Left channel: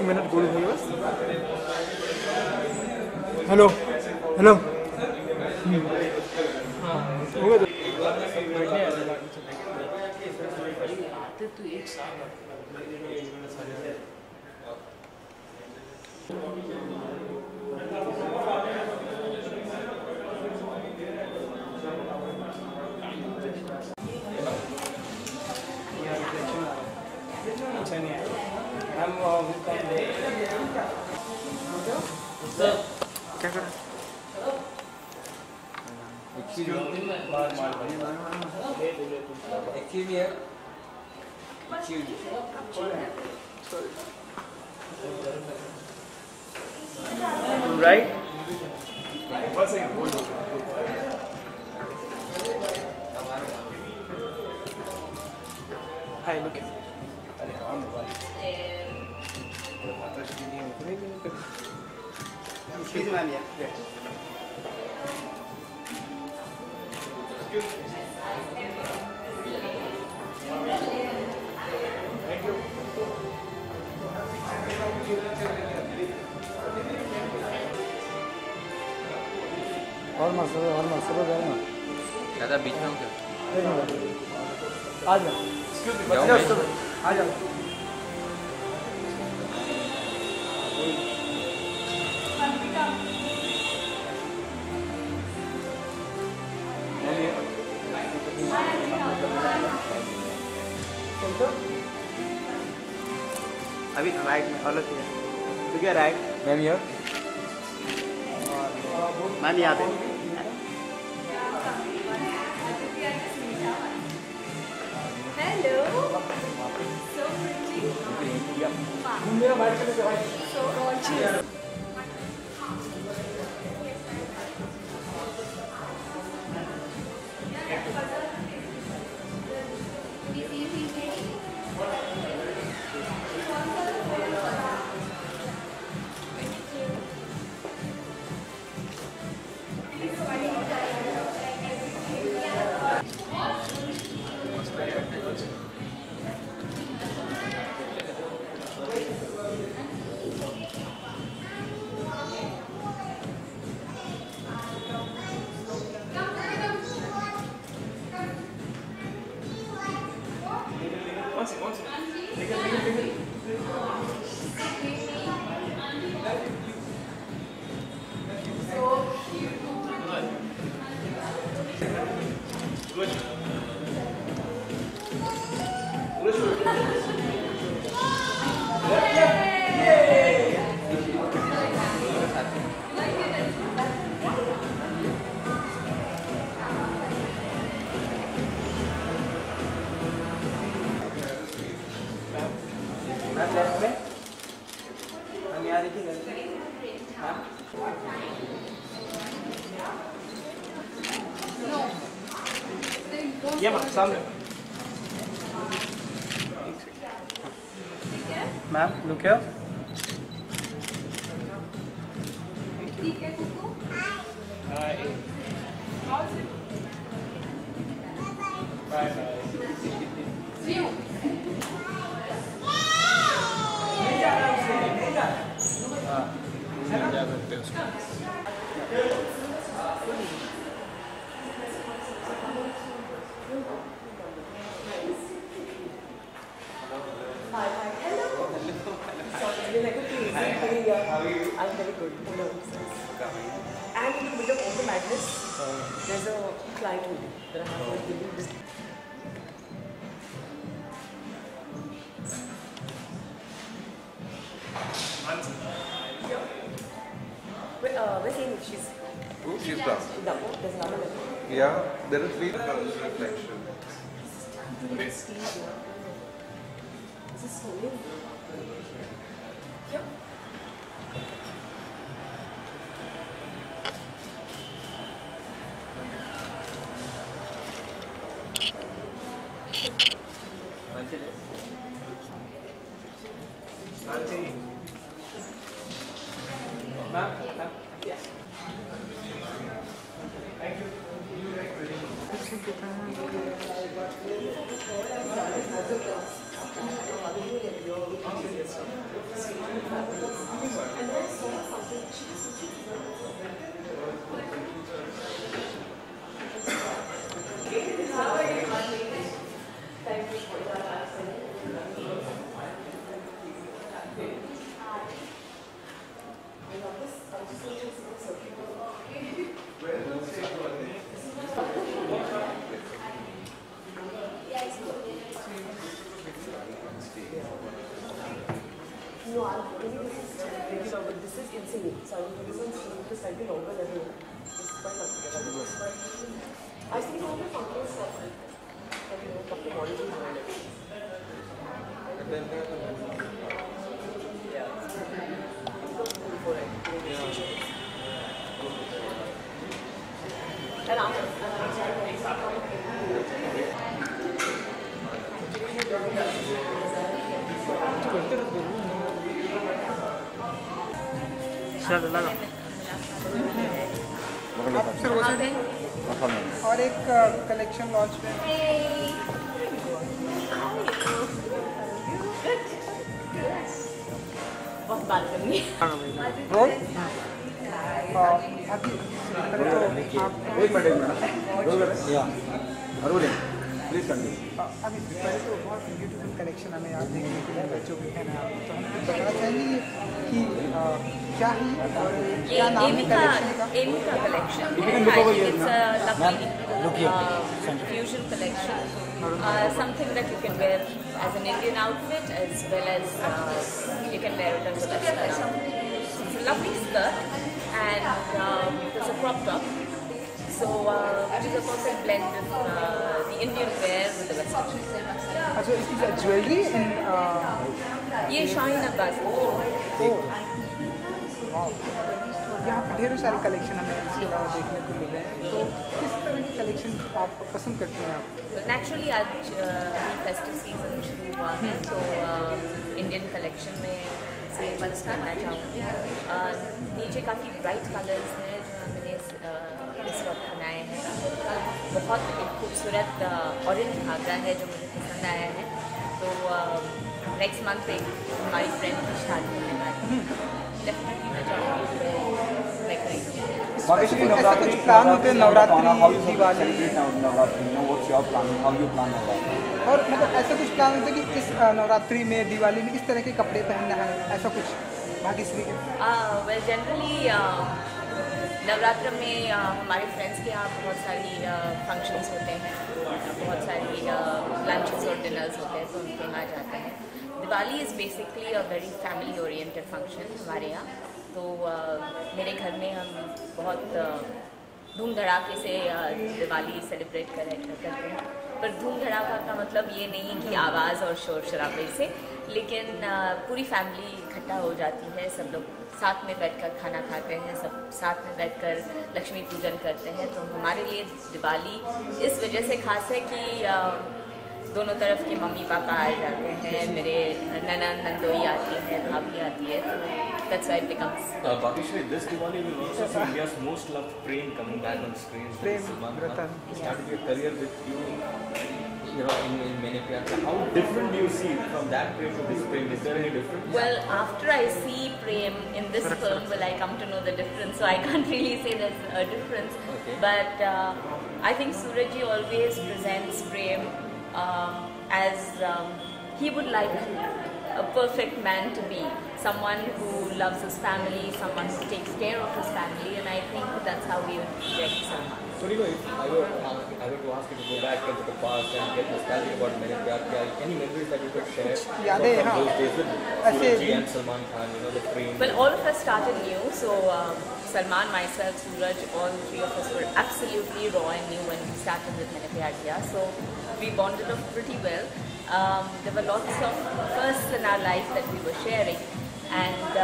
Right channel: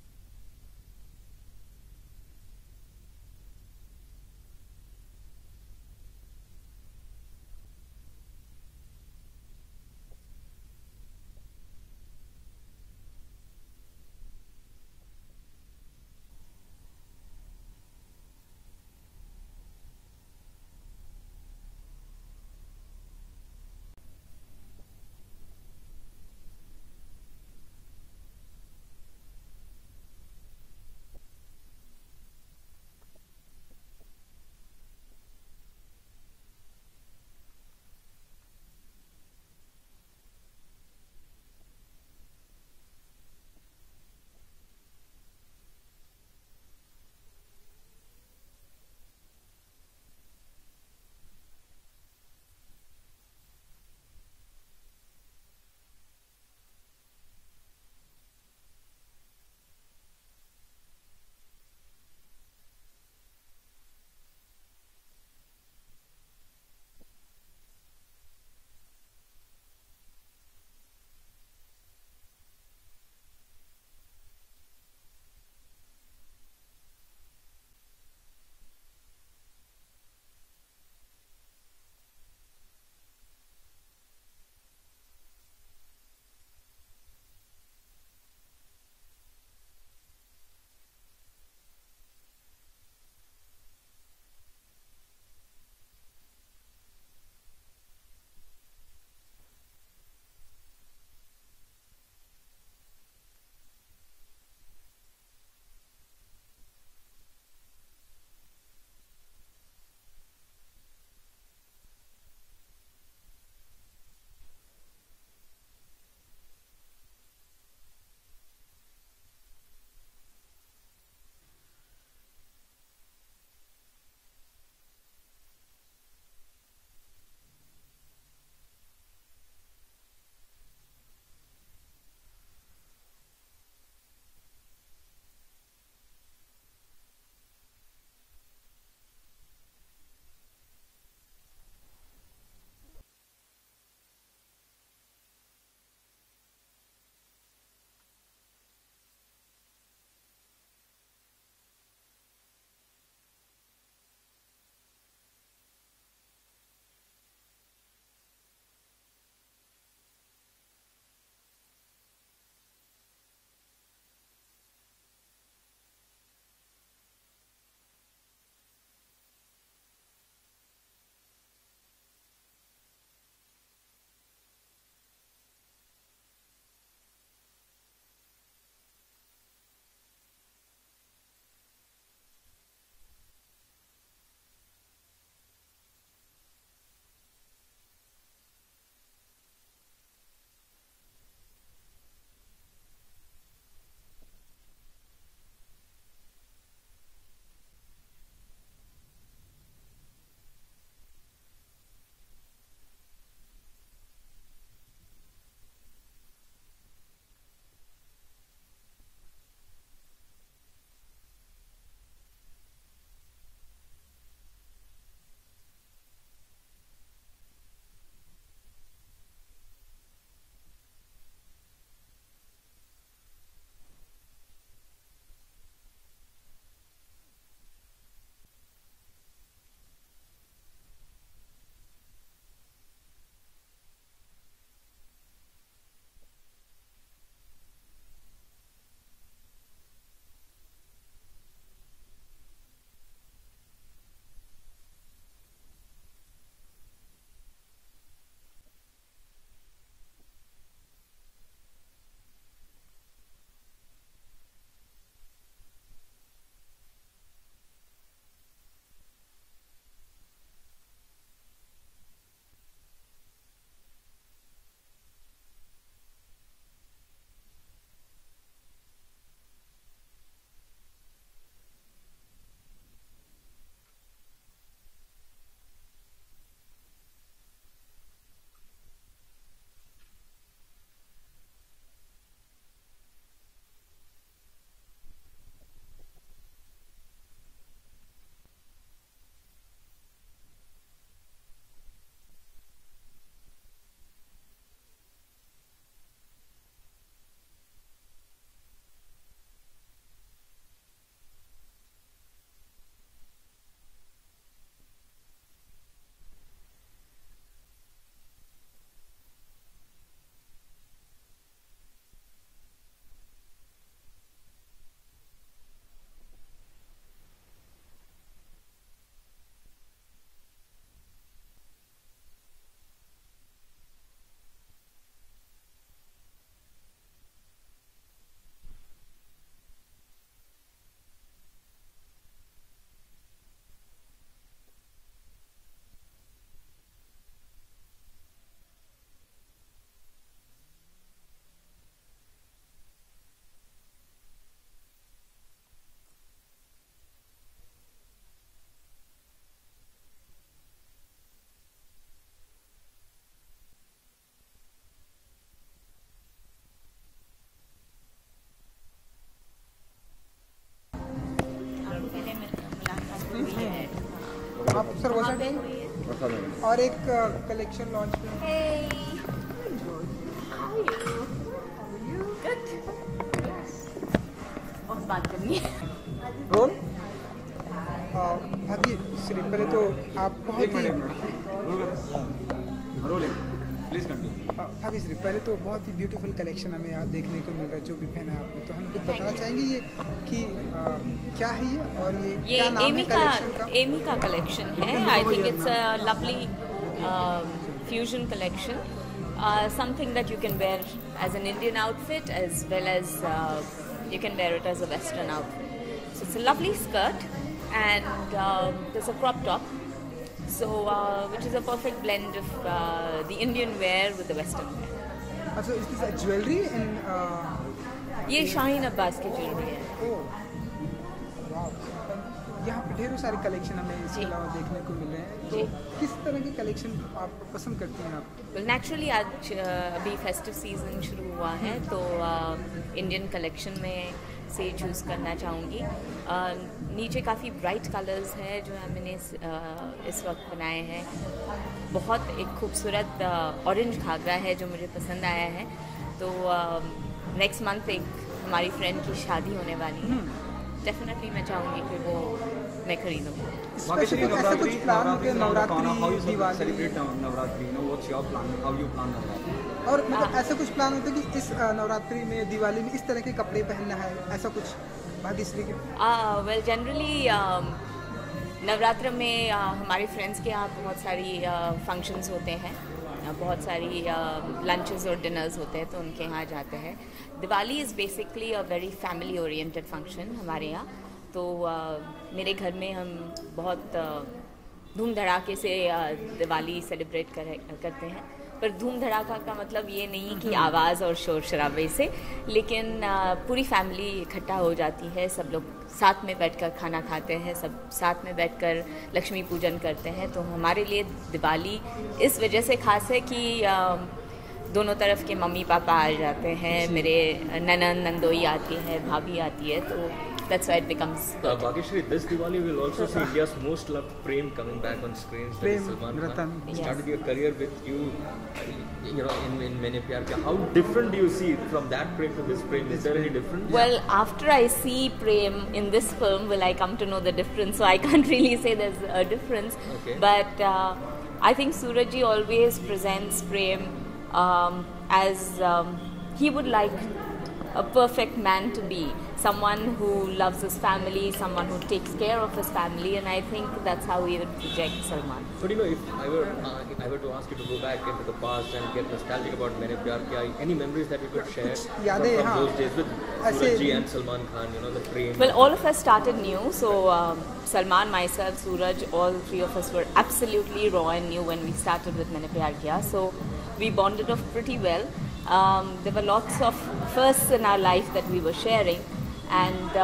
एक मिनट गोलू भाई बस। Hello hello. हो गया तो एक साथ क्या कर राइट हाय लुक और मसाला डालना ज़्यादा बीच में हो क्या? आ जाओ आ जाओ। अभी राइट में अलग है तो क्या राइट मैम यार मैम यहाँ पे Hello. So pretty. So gorgeous. ये मैम सामने ma'am look here I'm very good. And in the middle of all the madness, there's a client waiting that I have to give you this. Where's Amy? She's Who? She's down. down. There's another level. Yeah, there is three colors reflection. This is stage here. This is so Yep. आप sir वो side और एक collection launch में बहुत बात करनी है। Role भाभी श्री पहले तो आप अभी श्री पहले तो बहुत ही ब्यूटीफुल कलेक्शन हमें यहाँ देखने को मिल रहा है जो भी पहना है आपने, तो हम कुछ बताना चाहेंगे कि क्या है ये और क्या नाम है कलेक्शन का? एमी का कलेक्शन है। I think it's a lovely fusion collection. Something that you can wear as an Indian outfit as well as you can wear it as a Western outfit. It's a lovely skirt and it's a crop top. So which is a perfect blend of the Indian wear with the Western wear. So is this a jewelry and ये शाहीन अब्बास की यहाँ पे ढेरों सारे collection हमें इसके अलावा देखने को मिल रहे हैं, तो किस तरह के कलेक्शन आप पसंद करती हैं आप? नेचुरली आज अभी फेस्टिव सीजन शुरू हुआ है तो इंडियन कलेक्शन में से चूज़ करना चाहूँगी। नीचे काफ़ी ब्राइट कलर्स हैं जो मैंने इस वक्त बनाए हैं। बहुत एक खूबसूरत ऑरेंज घाघरा है जो मुझे पसंद आया है। तो नेक्स्ट मंथ एक हमारी फ्रेंड की शादी होने वाली है, डेफिनेटली मैं चाहूँगी कि वो मैं खरीदूँ। ऐसा कुछ प्लान होते हैं नवरात्रि दिवाली और मतलब ऐसा कुछ प्लान होता है कि इस नवरात्रि में दिवाली में इस तरह के कपड़े पहनना है, ऐसा कुछ भाग्यश्री के? वेल जनरली नवरात्र में हमारे फ्रेंड्स के यहाँ बहुत सारी फंक्शंस होते हैं, बहुत सारी लंचेस और डिनर्स होते हैं तो उनके यहाँ जाते हैं। Diwali is basically a very family oriented function हमारे यहाँ। तो मेरे घर में हम बहुत धूम धड़ाके से दिवाली सेलिब्रेट करते हैं, पर धूम धड़ाका का मतलब ये नहीं कि आवाज़ और शोर शराबे से, लेकिन पूरी फैमिली इकट्ठा हो जाती है, सब लोग साथ में बैठकर खाना खाते हैं, सब साथ में बैठकर लक्ष्मी पूजन करते हैं। तो हमारे लिए दिवाली इस वजह से खास है कि दोनों तरफ के मम्मी पापा आ जाते हैं, मेरे ननन नंदोई आती है, भाभी आती है, तो that's why it becomes. Bhagyashree, this Diwali will also see India's most loved Prem coming back on screens. Prem Salman Ratan. Khan started your career with you, in Maine Pyar Kiya. How different do you see from that Prem to this Prem? Is there any difference? Well, after I see Prem in this film, will I come to know the difference? So I can't really say there's a difference. Okay. But I think Surajji always presents Prem as he would like a perfect man to be. Someone who loves his family, someone who takes care of his family, and I think that's how we would project Salman. But if I were to ask you to go back into the past and get nostalgic about Maine Pyar Kiya, any memories that you could share from those days with Surajji and Salman Khan, the Prem? Well, all of us started new, so Salman, myself, Suraj, all three of us were absolutely raw and new when we started with Maine Pyar Kiya, so we bonded off pretty well. There were lots of firsts in our life that we were sharing, and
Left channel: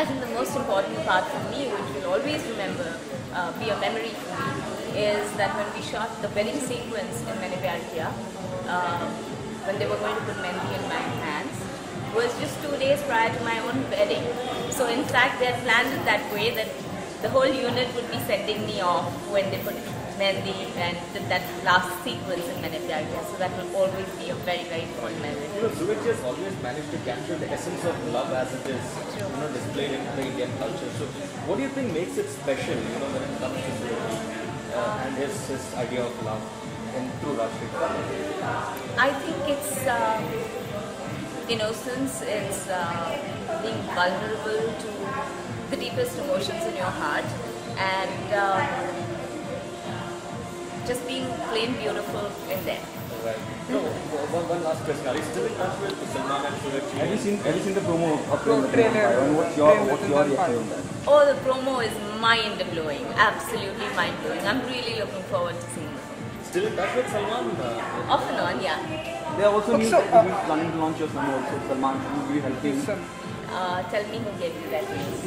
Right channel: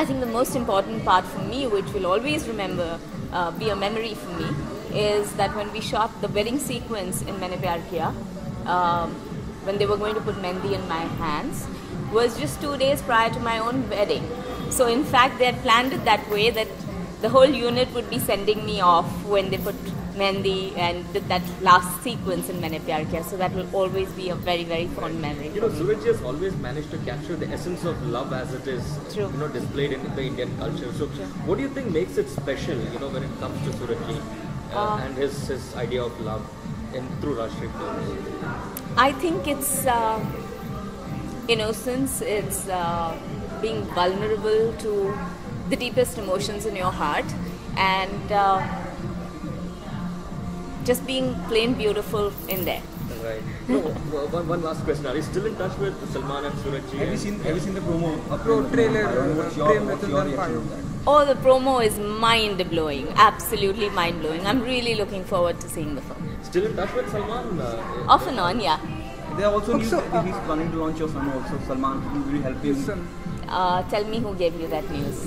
I think the most important part for me, which will always be a memory for me, is that when we shot the wedding sequence in Maine Pyar Kiya, when they were going to put mehndi in my hands, was just 2 days prior to my own wedding. So in fact, they had planned it that way that the whole unit would be sending me off when they put mehndi and did that last sequence in Maine Pyar Kiya. So that will always be a very, very fond memory. Surajji has always managed to capture the essence of love as it is, displayed in the Indian culture. So what do you think makes it special, when it comes to Surajji and his idea of love through Rashtriya? I think it's innocence, it's being vulnerable to the deepest emotions in your heart, and just being plain beautiful in there. Right. One last question. Are you still in touch with Salman and Surajji? Have you seen the promo? Trailer. Oh, the promo is mind-blowing. Absolutely mind-blowing. I'm really looking forward to seeing the film. Still in touch with Salman? Off and on, yeah. There are also news that he's planning to launch your film also. Salman, will you help him? Tell me who gave you that news.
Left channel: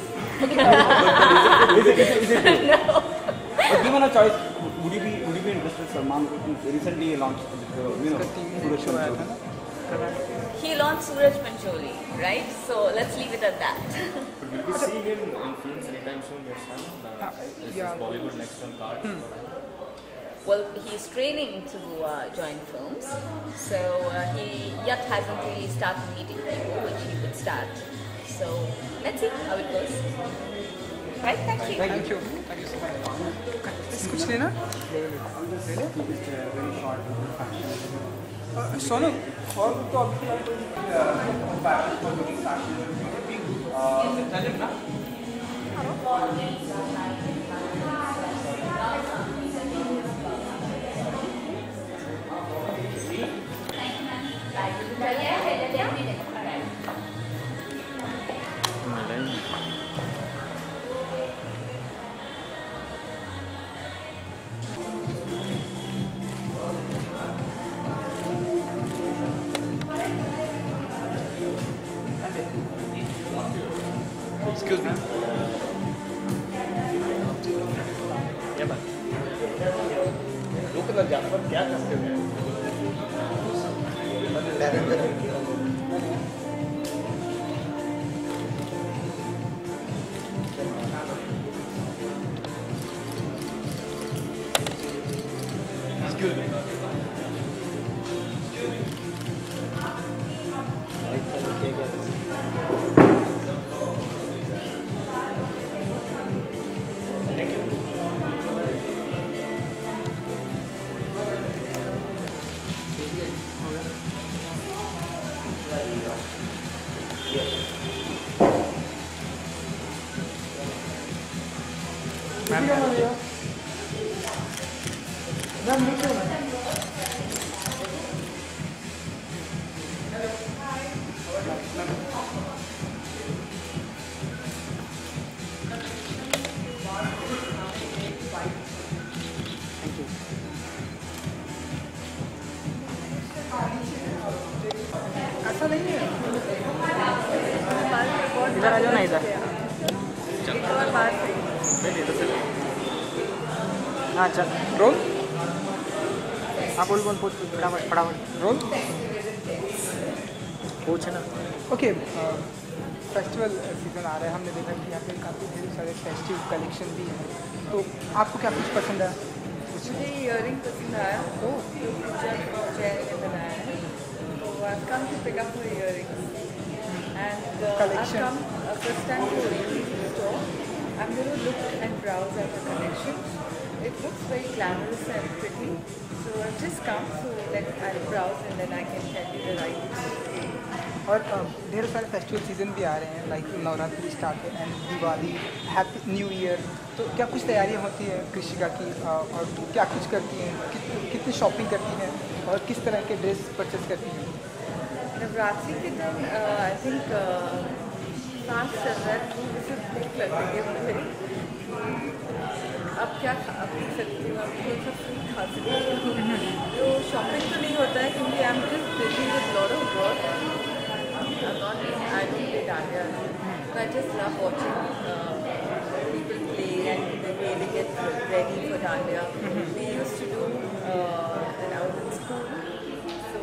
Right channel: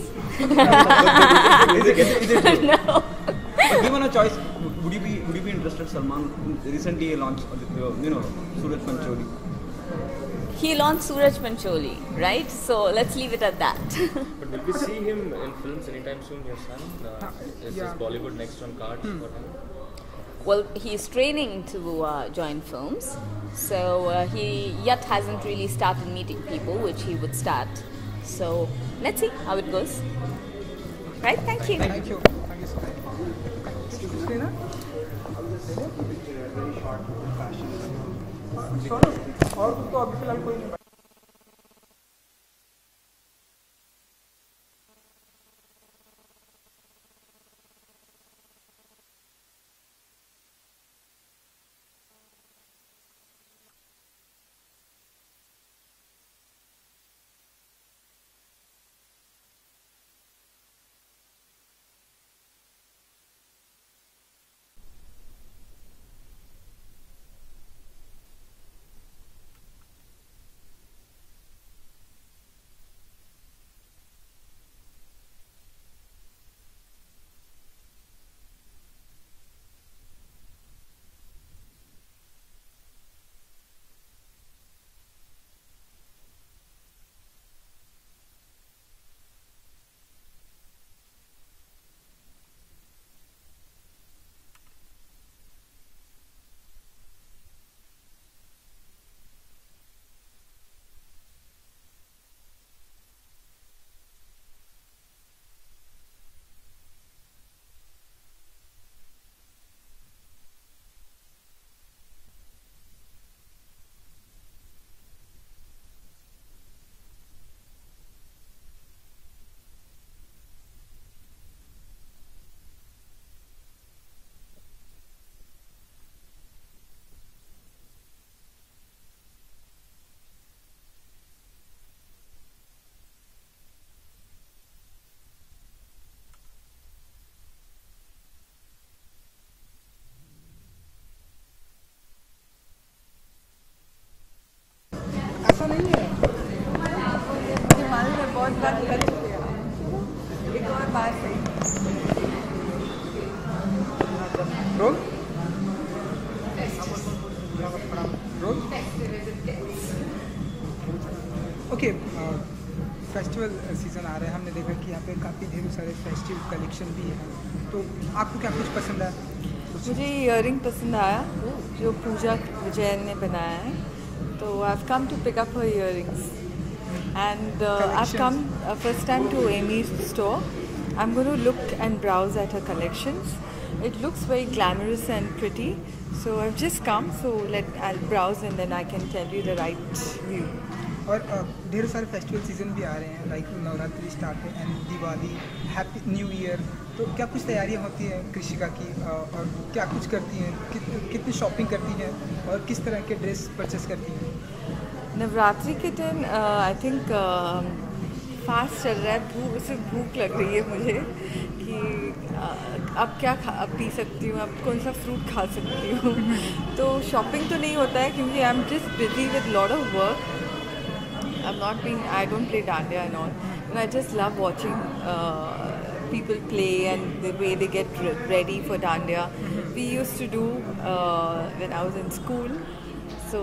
Is it true? No. But given a choice, would you be interested, Salman? Recently launched, Suraj Film Chori. करा? He launched Suraj Pancholi, right? So let's leave it at that. But will we see him in films anytime soon, your son? Is yeah. Bollywood next on cards for him? Well, he's training to join films, so he yet hasn't really started meeting people, which he would start. So let's see how it goes. Right? Thank you. Thank you so much. कुछ लेना? सोनू और तो अभी फिलहाल कोई नहीं। Excuse me. ऐसा नहीं है। हाँ चल रोल। हाँ बोल बोल पूछ फटाफट रोल। पूछ ना। ओके फेस्टिवल सीज़न आ रहा है, हमने देखा कि यहाँ पे काफ़ी ढेर सारे फेस्टिव कलेक्शन भी हैं, तो आपको क्या कुछ पसंद है? मुझे इयरिंग पसंद आया जो पूजा जैन ने बनाया है, तो I have come to pick up her earrings and I have come first time to Amy's store. I am going to look and browse at her collections. It looks very glamorous and pretty, so I've just come, so I'll browse and then I can tell you the right view. और ढेर सारे festival season भी आ रहे हैं, like Navratri start है and Diwali, happy new year, तो क्या कुछ तैयारियां होती हैं कृषिका की और क्या कुछ करती हैं, कितनी शॉपिंग करती हैं और किस तरह के ड्रेस परचेस करती हैं? नवरात्रि के दिन आई थिंक फास्ट चल रहा है, उससे भूख लग रही है मुझे कि अब क्या पी सकती हूँ, अब कौन सा फ्रूट खा सकती हूँ. तो शॉपिंग तो नहीं होता है क्योंकि I am just busy with lot of work. I don't play dandiya and all. But I just love watching people play and the way they get ready for dandiya. We used to do when I was in school. So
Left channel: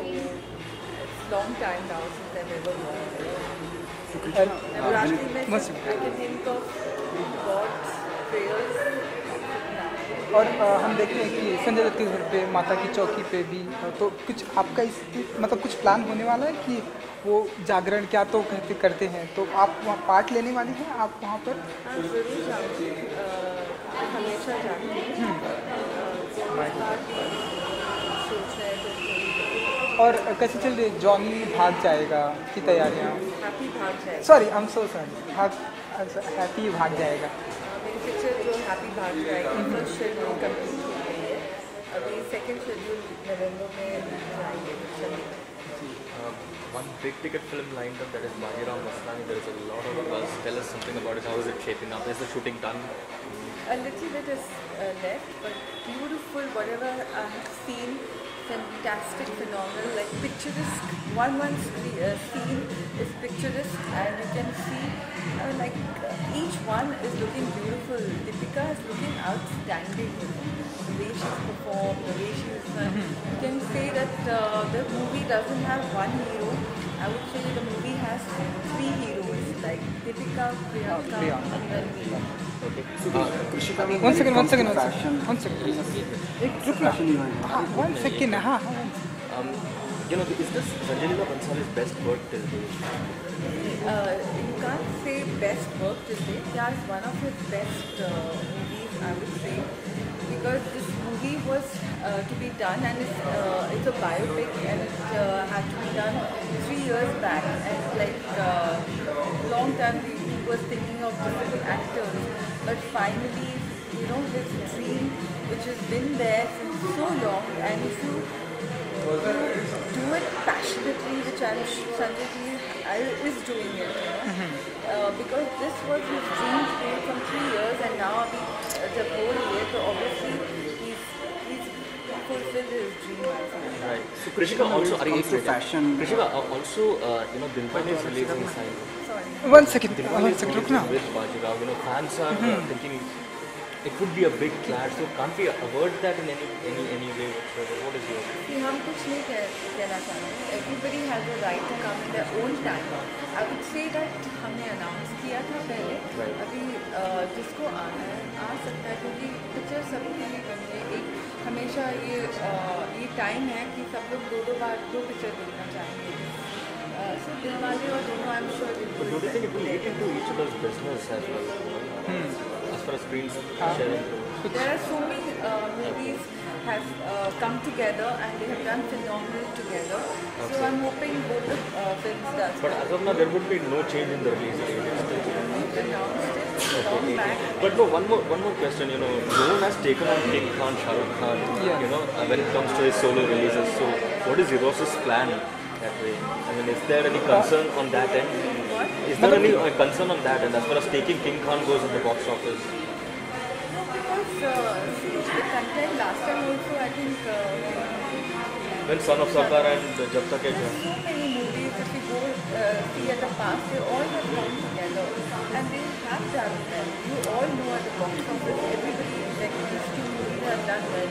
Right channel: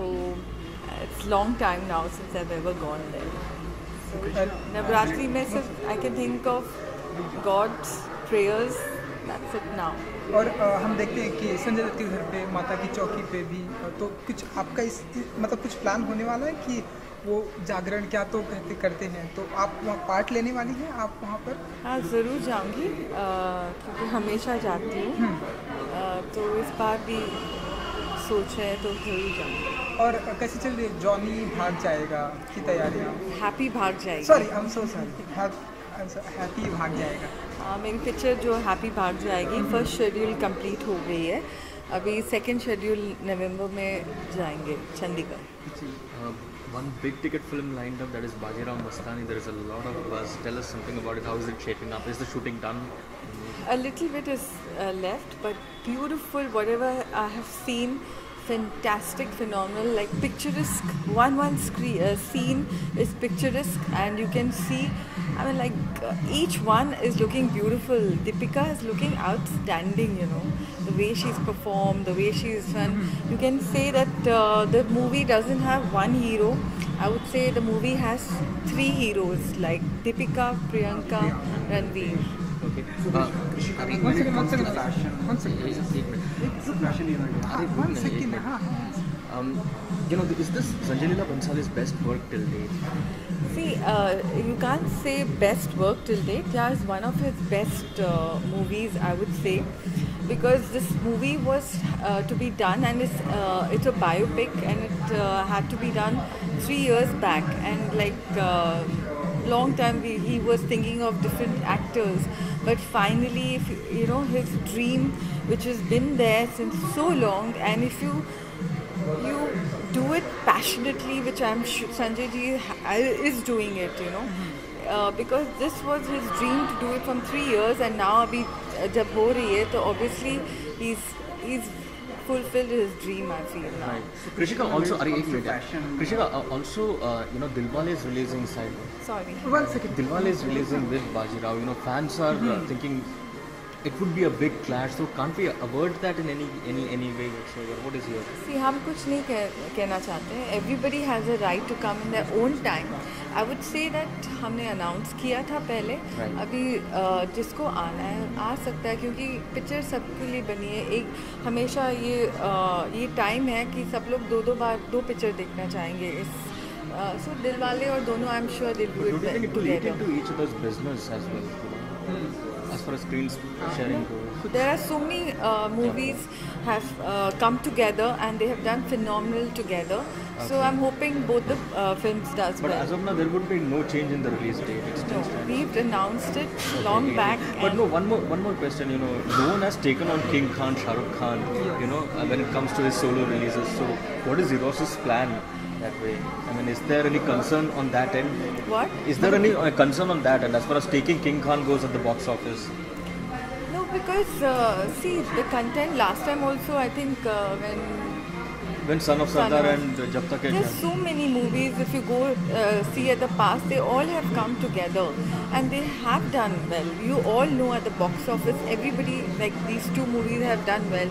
it's long time now since I've ever gone there. Navratri mein I can think of God's prayers. That's it now. और हम देखते हैं कि संजय दत्त के घर पे माता की चौकी पे भी, तो कुछ आपका इस मतलब कुछ प्लान होने वाला है कि वो जागरण क्या तो कहते करते हैं, तो आप वहाँ पार्ट लेने वाली हैं आप वहाँ पर? हाँ ज़रूर जाऊँगी, हमेशा जाती हूँ. तो इस बार भी सोच है तो ज़रूर जाऊँगी. और कैसे चल रही है जॉनी भाग जाएगा की तैयारियाँ? हैप्पी भाग जाएगी. Sorry I am so sorry, happy भाग जाएगा. मेरी पिक्चर जो हैप्पी भाग जाएगी फर्स्ट शेड्यूल कंप्लीट हो गई है, अभी सेकंड शेड्यूल नवंबर में जाएंगे Chandigarh. One big ticket film lined up, that is Bajirao Mastani. There is a lot of buzz. Tell us something about it. How is it shaping up? Is the shooting done? A little bit is left, but beautiful. Whatever I have seen, fantastic, phenomenal, like picturesque. One scene is picturesque, and you can see. I mean, like each one is looking beautiful. Deepika is looking outstanding. You know, the way she's performed, the way she's done, you can say that the movie doesn't have one hero. I would say the movie has three heroes like Deepika, Priyanka, Ranveer. Okay. One second. One second. You know, is this Sanjay Leela Bhansali's best work till date? See, you can't say best work till date. Yeah, it's one of his best movies, I would say, because this movie was to be done, and it's a biopic, and it had to be done 3 years back, and like long time he was thinking of different actors, but finally, you know, his dream, which has been there since so long, and if you do it passionately, which I'm sure Sanjay ji is doing it, you know, because this was his dream to do it from 3 years, and now abhi jab ho rahi hai, so obviously he's fulfilled his dream, I feel. Right. Krishika also, Krishika also, you know, Dilwale is releasing Sorry. 1 second. Dilwale is releasing with Bajirao. You know, fans are thinking it could be a big clash. So can't we avoid that in any way whatsoever? What is your? See, हम कुछ नहीं कहना चाहते हैं. Everybody has a right to come in their own time. I would say that हमने announce किया था पहले. Right. अभी जिसको आना है आ सकता है, क्योंकि पिक्चर सबके लिए बनी है. एक हमेशा ये टाइम है कि सब लोग दो बार दो पिक्चर देखना चाहेंगे. So दिलवाले और दोनों I'm sure they'll do it. But don't you think it will eat into each other's business as well? You know? As far as screen sharing goes. There are so many movies have come together and they have done phenomenal together. Okay. So I'm hoping both the films does But well. as of now, there would be no change in the release date. It's still. We've announced it long back. But no, one more question. You know, no one has taken on King Khan, Shah Rukh Khan. You know, when it comes to his solo releases. So, what is Eros's plan that way? I mean, is there any concern on that end? What? Is there any concern on that end as far as taking King Khan goes at the box office? No, because see the content last time also, I think When Son of Sardar and Jab Tak Hai there's so many movies, if you go see at the past, they all have come together and they have done well. You all know at the box office, everybody, like these two movies have done well.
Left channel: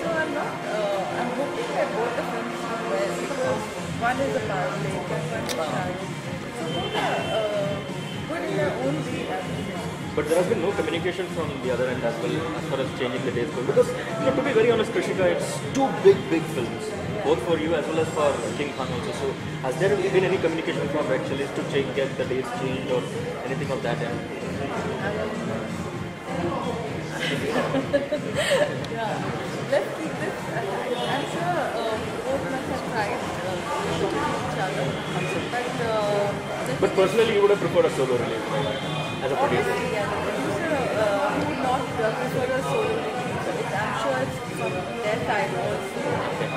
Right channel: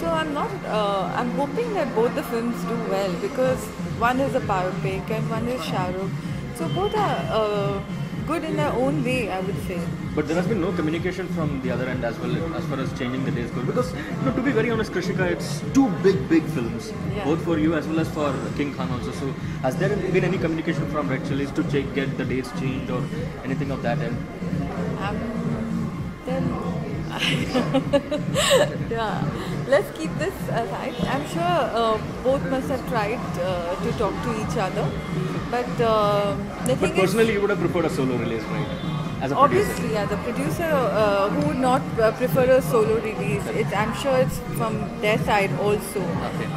So I'm hoping that both the films do well, because one is a biopic and one is Shah Rukh. So both are good in their own way, I would say. But there has been no communication from the other end as well as far as changing the dates go. Because, you know, to be very honest, Krishika, it's two big films, both for you as well as for King Khan also. So, has there been any communication from Red Chillies to get the dates changed or anything of that end? Yeah, let's keep this alive. I'm sure both must have tried to talk to each other, but the thing Personally, you would have preferred a solo release, right? As a producer. obviously, yeah, the producer who would not prefer a solo release. I'm sure it's from their side also. Okay.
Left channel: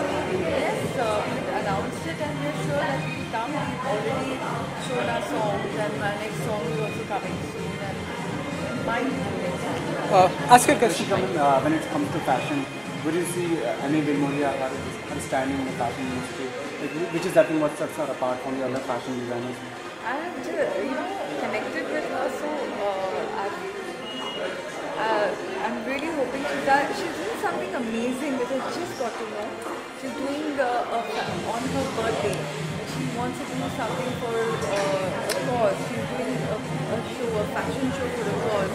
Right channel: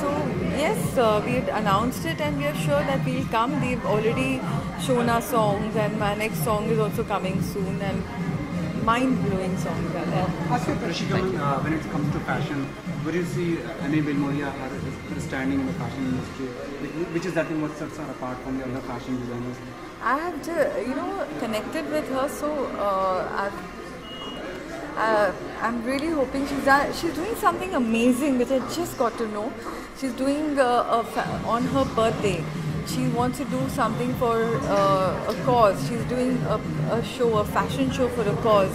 So yes, we've announced it and we're sure that we'll come. We've already shown our songs, and my next song is also coming soon, and mind-blowing song. Ask your question. When it comes to fashion, would you see any Dilmoria standing in the fashion industry? Which is that what sets her apart from the other fashion designers? I have connected with her, so I'm really hoping she's doing something amazing, which I just got to know. She's doing on her birthday. She wants to do something for a cause. She's doing a fashion show for a cause.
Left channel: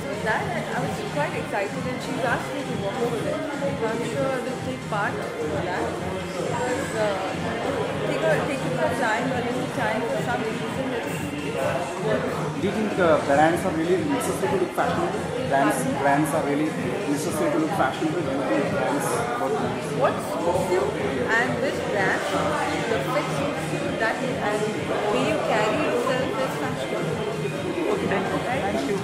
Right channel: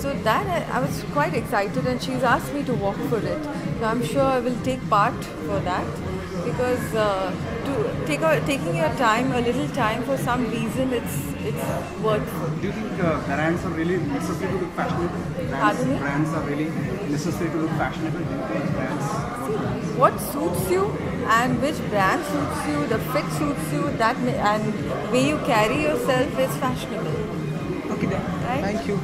So that I was quite excited, and she's asked me to walk for it. So I'm sure I will take part for that, because taking your time, a little time for some reason, it's worth. Do you think brands are really necessary to look fashionable? Brands are really necessary to look fashionable? What suits you and which brand suits you, the fit suits you, that and the way you carry yourself is fashionable. Okay then. Right? Thank you.